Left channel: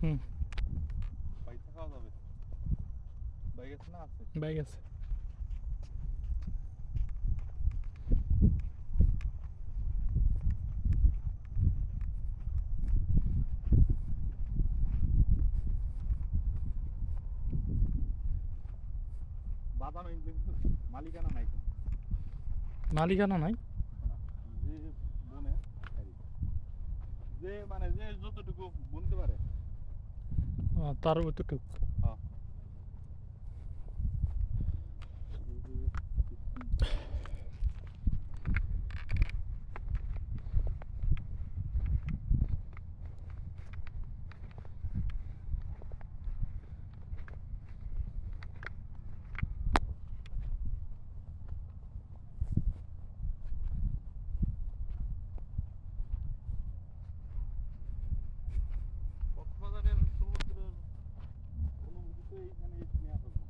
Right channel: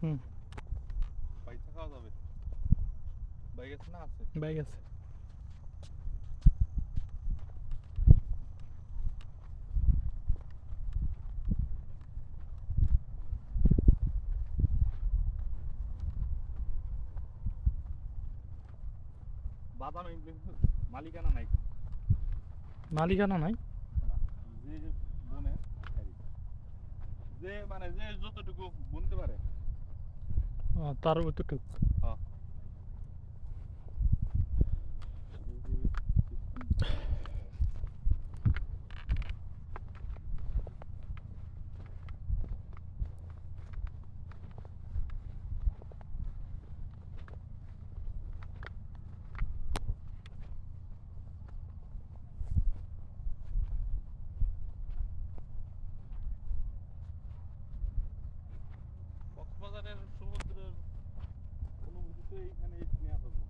হুম। পয়সা খাওয়া যাবে। বাইক আছে না? আছে। বাইক আছে। বাদাম কিন্তু মালিকানা নাই। মালিকানা নাই। না, যে বনে যে মানে যে যতটুকু বুনতে পারে। তার অতটুক। হ্যাঁ। এই যে system। কক্সবাজারের সমুদ্রের অনুভূতি তো এইখানে নেওয়া যাবে।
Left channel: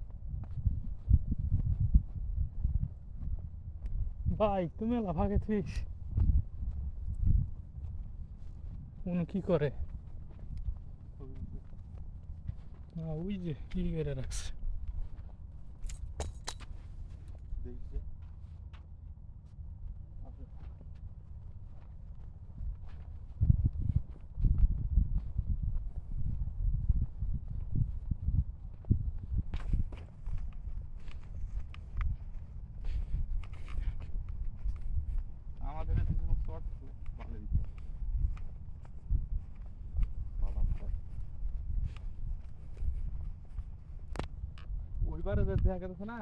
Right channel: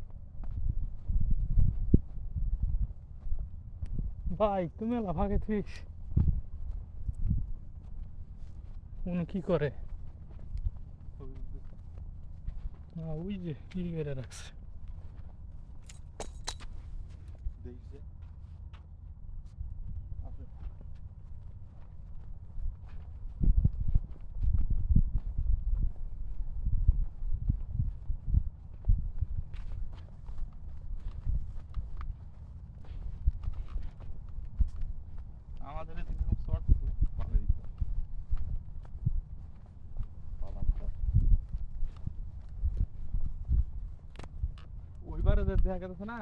ভাই তুমি লাফাকে থিস উনি কি করে? ছবি উঠতেছে। ওই যে কি করে রাখছে। দেখছে আছে। আমাদের এদিকে শর্ট ভালো দিচ্ছে বাদাম শর্ট। ওইবারে যে দেখা গেছে না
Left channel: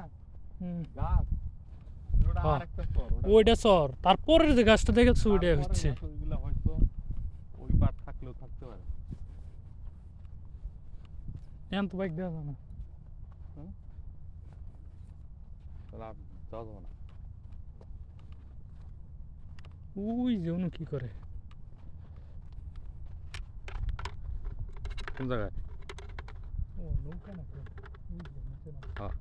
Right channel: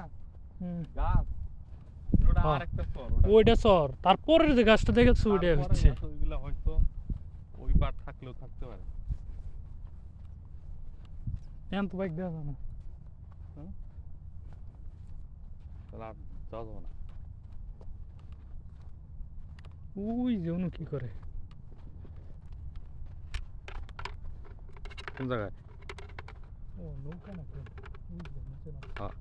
হুম। গাছ, ওটা হ্যাঁ, আরেকটা চর। ওইটা চর, তারপরের যে গাছটা দেখেছো ওইটা তারপরে হচ্ছে। গাছ ওইগুলা হয়তো ওই পার থাকলেও থাকতে পারে। এখন তো বাইক দেওয়া যায় না। হুম? তাহলে আর যাওয়া যাবে না। ওই যে উনি কি করে? কোন জায়গায়? ও নৌকা নাকি? ওই যে নিচে না। হ্যাঁ।